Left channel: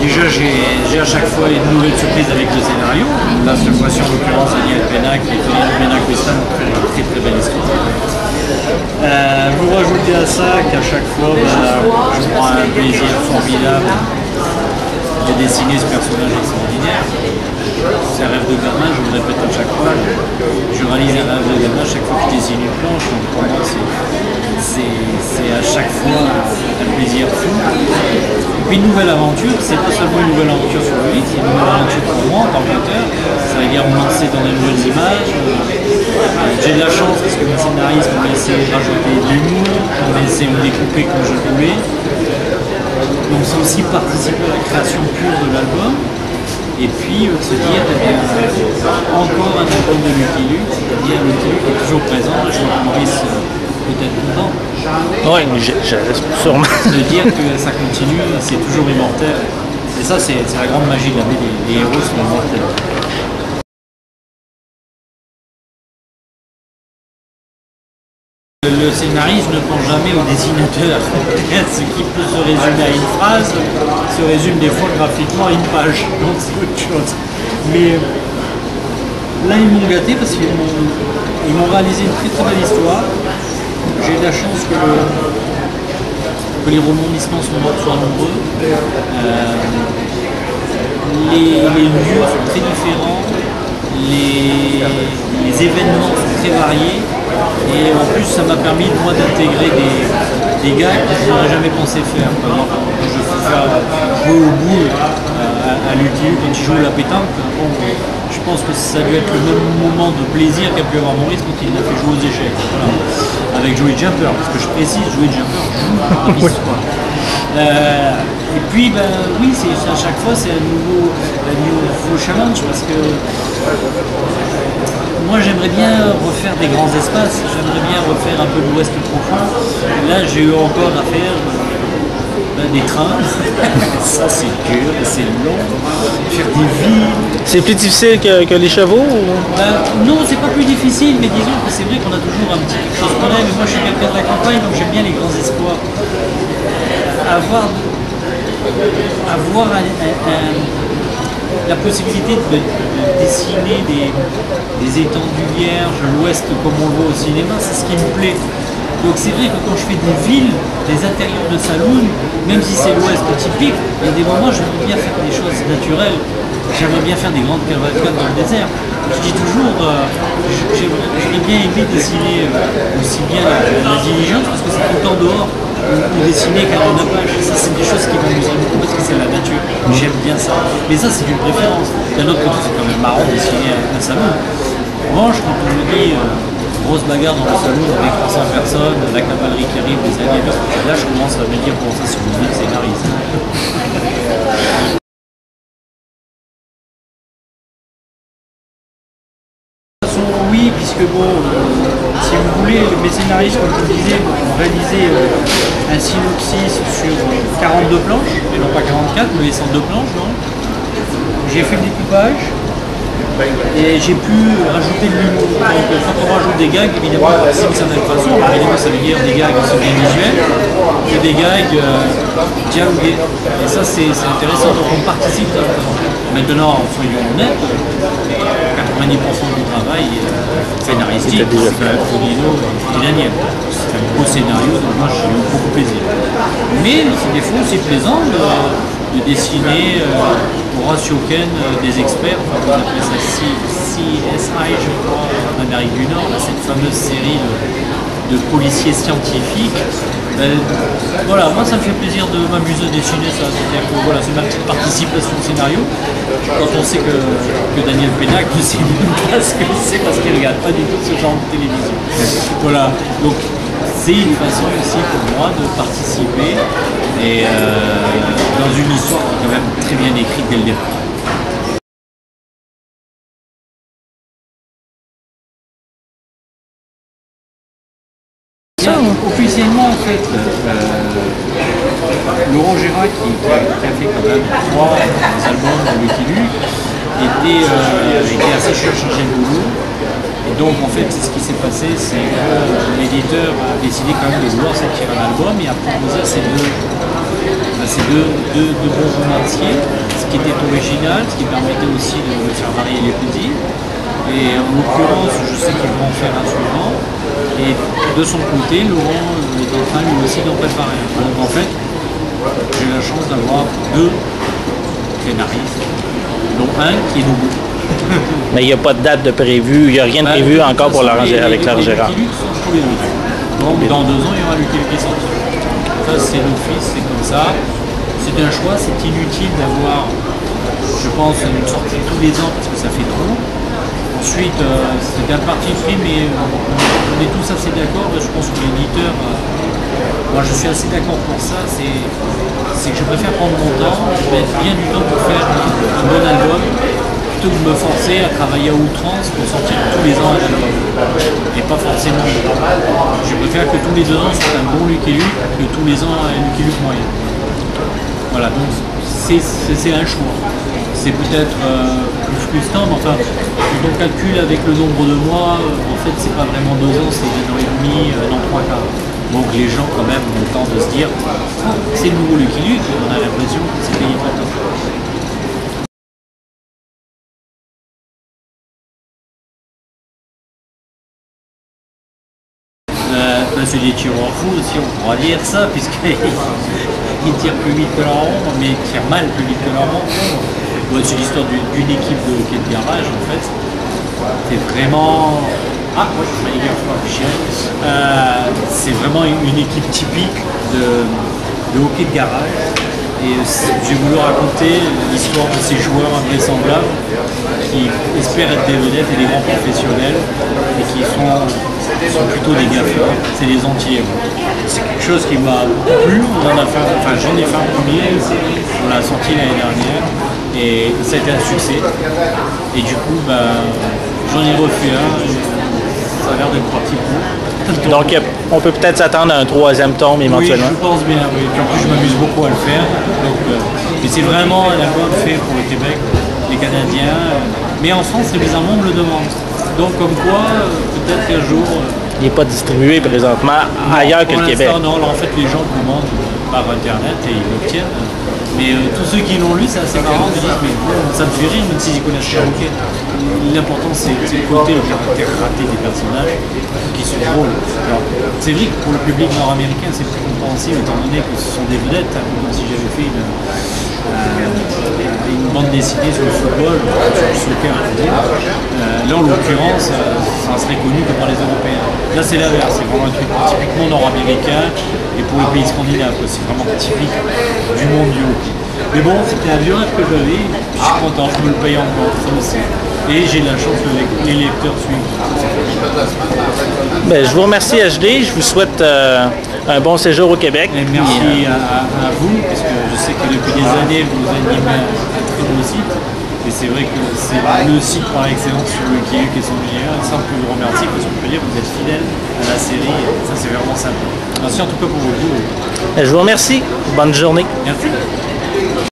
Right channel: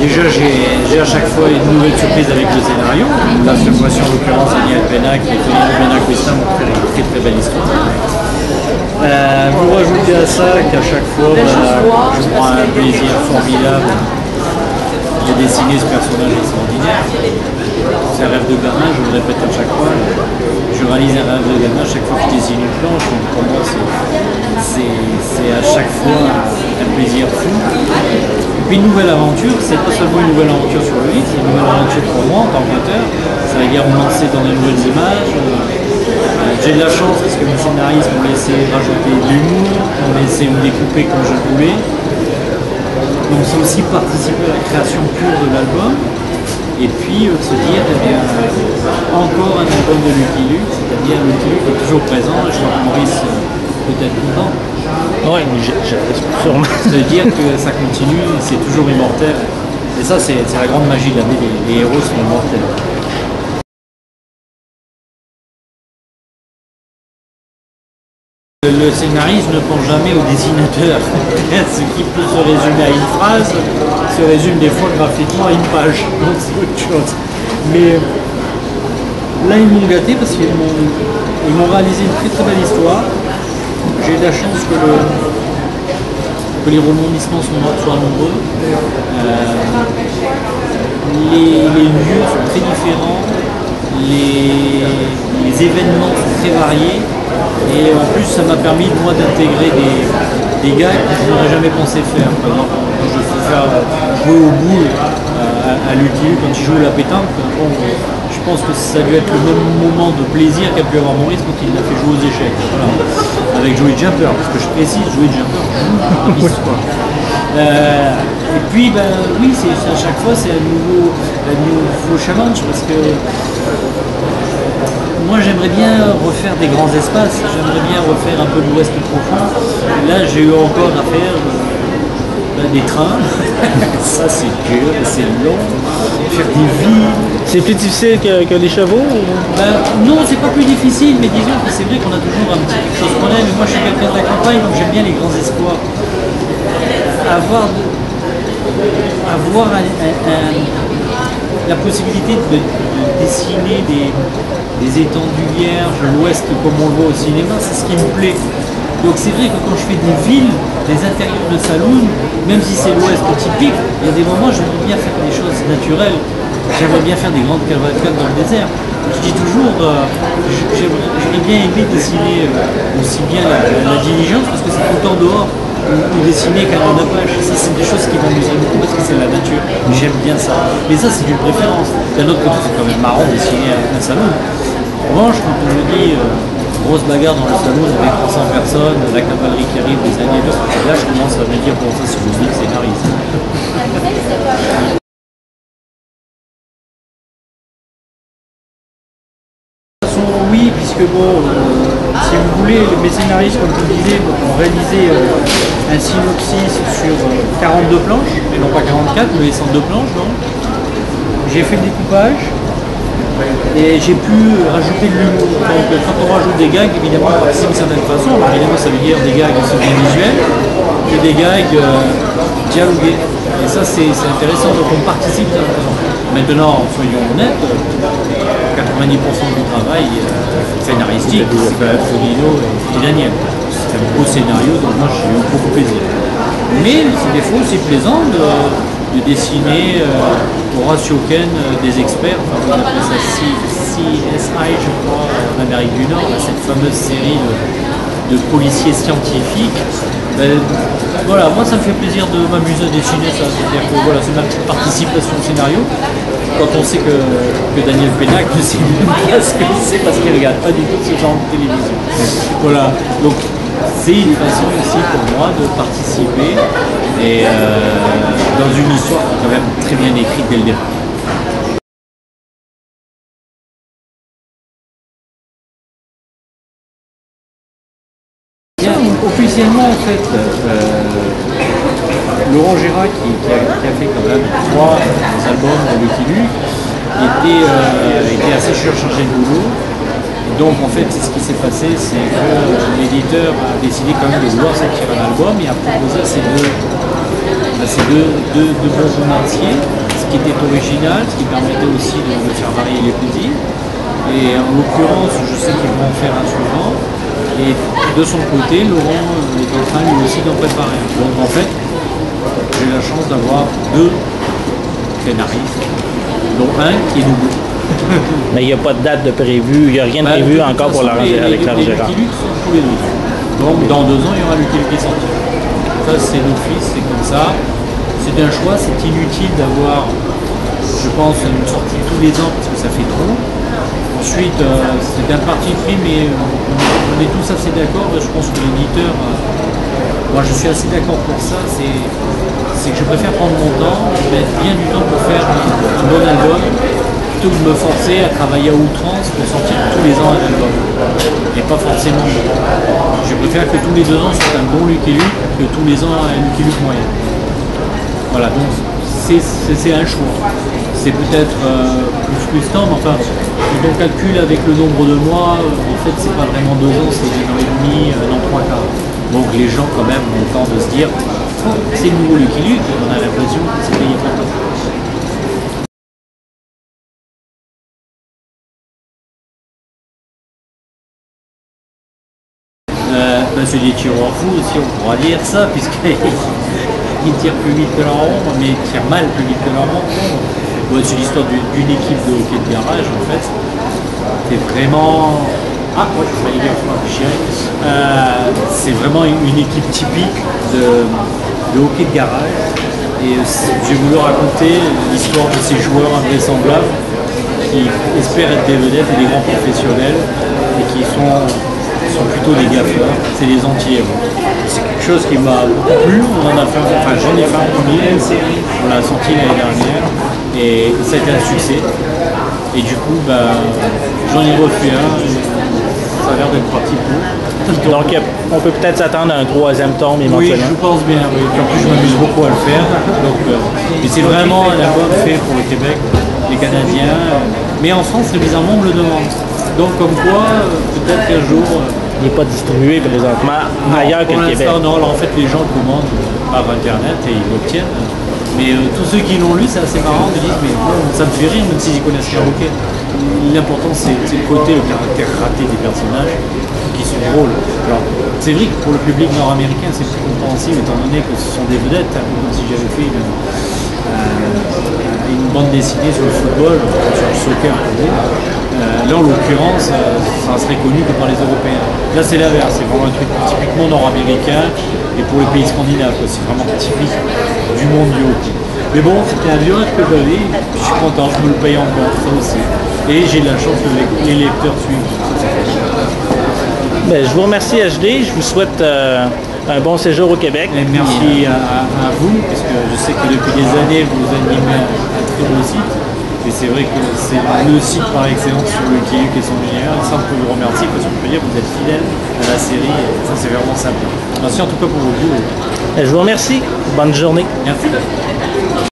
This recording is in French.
Déjà, j'ai à chaque fois une nouvelle surprise avec le scénario. Là, cette fois-ci, en l'occurrence, Daniel Pénac et Tony Pénac-Weston ont fait une très très belle histoire. Vous rajoutez à ça qu'à chaque fois, je prends un plaisir formidable de dessiner ce personnage extraordinaire. C'est un rêve de gamin, je le répète à chaque fois. Je réalise un rêve de gamin à chaque fois que je dessine une planche. Donc pour moi, c'est à chaque fois un plaisir fou. Et puis une nouvelle aventure, c'est pas seulement une nouvelle aventure sur le livre, c'est une nouvelle aventure pour moi en tant qu'auteur. Ça veut dire me lancer dans des nouvelles images. J'ai de la chance parce que mes scénaristes m'ont laissé rajouter de l'humour, m'ont laissé me découper comme je voulais. Donc c'est aussi participer à la création pure de l'album. Et puis se dire, eh bien, encore un album de Lucky Luke, c'est-à-dire Lucky Luke est toujours présent, et je crois que Maurice peut-être content. Ouais, mais sûrement. De dire que ça continue, c'est toujours immortel. Et ça, c'est la grande magie de la BD, les héros sont immortels. Le scénariste ne pense jamais au dessinateur. Ce qui peut se résumer à une phrase se résume des fois graphiquement à une page. Donc c'est autre chose. Mais là, ils m'ont gâté parce qu'ils m'ont réalisé une très très belle histoire. J'ai eu la chance que les rebondissements soient nombreux. Les lieux sont très différents. Les événements sont très variés. Et en plus, ça m'a permis, moi, d'intégrer des gags que je n'aurais jamais pensé faire. Par exemple, quand je fais faire jouer au boule à Lucky Luke quand il joue la pétanque, bon, je pense que ça a dû être le même moment de plaisir qu'a pu avoir Maurice quand il l'a fait jouer aux échecs. Voilà. Avec Joey Jumper, parce que je précise, Joey Jumper joue et puis, oui, à chaque fois, c'est un nouveau challenge, parce que moi, j'aimerais bien refaire des grands espaces, j'aimerais bien refaire un peu l'Ouest profond. Et là, j'ai eu encore à faire des trains, ça c'est dur, c'est long, faire des villes. C'est plus difficile que les chevaux ou... Non, c'est pas plus difficile, mais disons que c'est vrai qu'on a toujours un petit quelque chose qu'on aime. Mais moi, je suis quelqu'un de la campagne, donc j'aime bien les grands espoirs. Avoir la possibilité de dessiner des étendues vierges, l'Ouest comme on le voit au cinéma, c'est ce qui me plaît. Donc c'est vrai que quand je fais des villes, des intérieurs de saloon, même si c'est l'Ouest typique, il y a des moments où j'aimerais bien faire des choses naturelles. J'aimerais bien faire des grandes cavalcades dans le désert. Je dis toujours, j'aurais bien aimé dessiner aussi bien la diligence, parce que c'est tout le temps dehors, ou dessiner carrément de page. Ça, c'est des choses qui m'amuseraient beaucoup parce que c'est la nature. J'aime bien ça. Mais ça, c'est une préférence. D'un autre côté, c'est quand même marrant de dessiner un salon. En revanche, quand on me dit grosse bagarre dans le salon avec 300 personnes, la cavalerie qui arrive, les alliés, là, je commence à me dire, bon, ça, c'est une vie de scénariste. Oui, puisque bon, si vous voulez, mes scénaristes, comme je vous disais, ont réalisé un synopsis sur 42 planches, et non pas 44, mais 102 planches. Donc j'ai fait le découpage et j'ai pu rajouter de l'humour. Donc quand on rajoute des gags, évidemment, on participe d'une certaine façon. Alors évidemment, ça veut dire des gags aussi bien visuels que des gags dialogués. Et ça, c'est intéressant, donc on participe de la façon. Maintenant, soyons honnêtes, 90% du travail scénaristique, c'est Fonino et Daniel. C'est un beau scénario, donc moi j'ai eu beaucoup plaisir. Mais c'est des fois aussi plaisant de dessiner Horatio Ken, des experts, enfin, on appelle ça CSI, je crois, en Amérique du Nord, là, cette fameuse série de policiers scientifiques. Voilà, moi ça me fait plaisir de m'amuser à dessiner ça, c'est-à-dire que voilà, c'est ma petite participation au scénario. Quand on sait que Daniel Pénac ne sait pas ce que c'est parce qu'il ne regarde pas du tout ce genre de télévision. Voilà, donc c'est une façon aussi pour moi de participer et dans une histoire qui est quand même très bien écrite dès le départ. Officiellement, en fait, Laurent Gérard, qui a fait quand même 3 albums de Lucky Luke, était assez surchargé de boulot. Et donc, en fait, ce qui s'est passé, c'est que l'éditeur a décidé quand même de vouloir sortir un album et a proposé à ces deux c'est deux bons romanciers, ce qui était original, ce qui permettait aussi de faire varier les plaisirs. Et en l'occurrence, je sais qu'ils vont en faire un suivant. Et de son côté, Laurent est en train lui aussi d'en préparer un. Donc en fait, j'ai la chance d'avoir deux scénaristes, dont un qui est nouveau. Mais il n'y a pas de date de prévu, il n'y a rien de prévu encore pour l'arranger avec Claire Gérard. Les Lucky Luke sont tous les 2 ans. Donc dans 2 ans, il y aura Lucky Luke qui sorti. Ça, c'est d'office, c'est comme ça. C'est un choix, c'est inutile d'avoir, je pense, une sortie tous les ans parce que ça fait trop. Ensuite, c'est un parti pris, mais on est tous assez d'accord. Je pense que l'éditeur, moi je suis assez d'accord pour ça, c'est que je préfère prendre mon temps, mettre bien du temps pour faire un bon album, plutôt que de me forcer à travailler à outrance pour sortir tous les ans un album. Et pas forcément. Je préfère que tous les 2 ans soit un bon Lucky Luke que tous les ans un Lucky Luke moyen. Voilà, donc c'est un choix. C'est peut-être plus frustrant, mais enfin, quand on calcule avec le nombre de mois, en fait, c'est pas vraiment 2 ans, c'est 1 an et demi, 1 an 3 quarts. Donc les gens, quand même, ont le temps de se dire, oh, c'est le nouveau Lucky Luke, on a l'impression que c'est payé trop tard. C'est des tireurs fous aussi, on pourra dire ça, puisqu'ils tirent plus vite que leur ombre, mais ils tirent mal plus vite que leur ombre. Ouais, c'est l'histoire d'une équipe de hockey de garage, en fait. C'est vraiment... Ah, ouais, c'est vraiment une équipe typique de hockey de garage. Et j'ai voulu raconter l'histoire de ces joueurs invraisemblables qui espèrent être des vedettes et des grands professionnels et qui sont plutôt des gaffeurs, c'est des anti-héros. C'est quelque chose qui m'a beaucoup plu, j'en ai fait un premier, on l'a sorti l'année dernière et ça a été un succès. Et du coup, j'en ai refait un, ça a l'air d'être parti pour. Donc on peut peut-être s'attendre à un 3e tome éventuellement. Oui, je pense bien, oui. Puis en plus je m'amuse beaucoup à le faire. Et c'est vraiment un album fait pour le Québec, les Canadiens. Mais en France, bizarrement, on me le demande. Donc comme quoi, peut-être qu'un jour... il n'est pas distribué présentement ailleurs que le Québec. Non, alors en fait les gens commandent par internet et ils l'obtiennent. Mais tous ceux qui l'ont lu, c'est assez marrant, ils disent mais bon, ça me fait rire même s'ils connaissent pas. Ok. L'important c'est le côté, le caractère raté des personnages qui sont drôles. Alors c'est vrai que pour le public nord-américain c'est plus compréhensible étant donné que ce sont des vedettes, comme si j'avais fait une bande dessinée sur le football, sur le soccer. Là en l'occurrence, ça serait connu que par les Européens. Là c'est l'inverse, c'est vraiment un truc typiquement nord-américain et pour les pays scandinaves, c'est vraiment typique du monde du hockey. Mais bon, c'était un vieux rêve que j'avais, je suis content, je me le paye encore, ça aussi. Et j'ai la chance que les lecteurs suivent. Je vous remercie HD, je vous souhaite un bon séjour au Québec. Et merci à vous, parce que je sais que depuis des années vous animez un très beau site. Et c'est vrai que c'est le site par excellence sur Lucky Luke et son univers. Et ça, on peut vous remercier parce qu'on peut dire que vous êtes fidèle à la série. Et ça, c'est vraiment sympa. Merci en tout cas pour vos goûts. Je vous remercie. Bonne journée. Merci.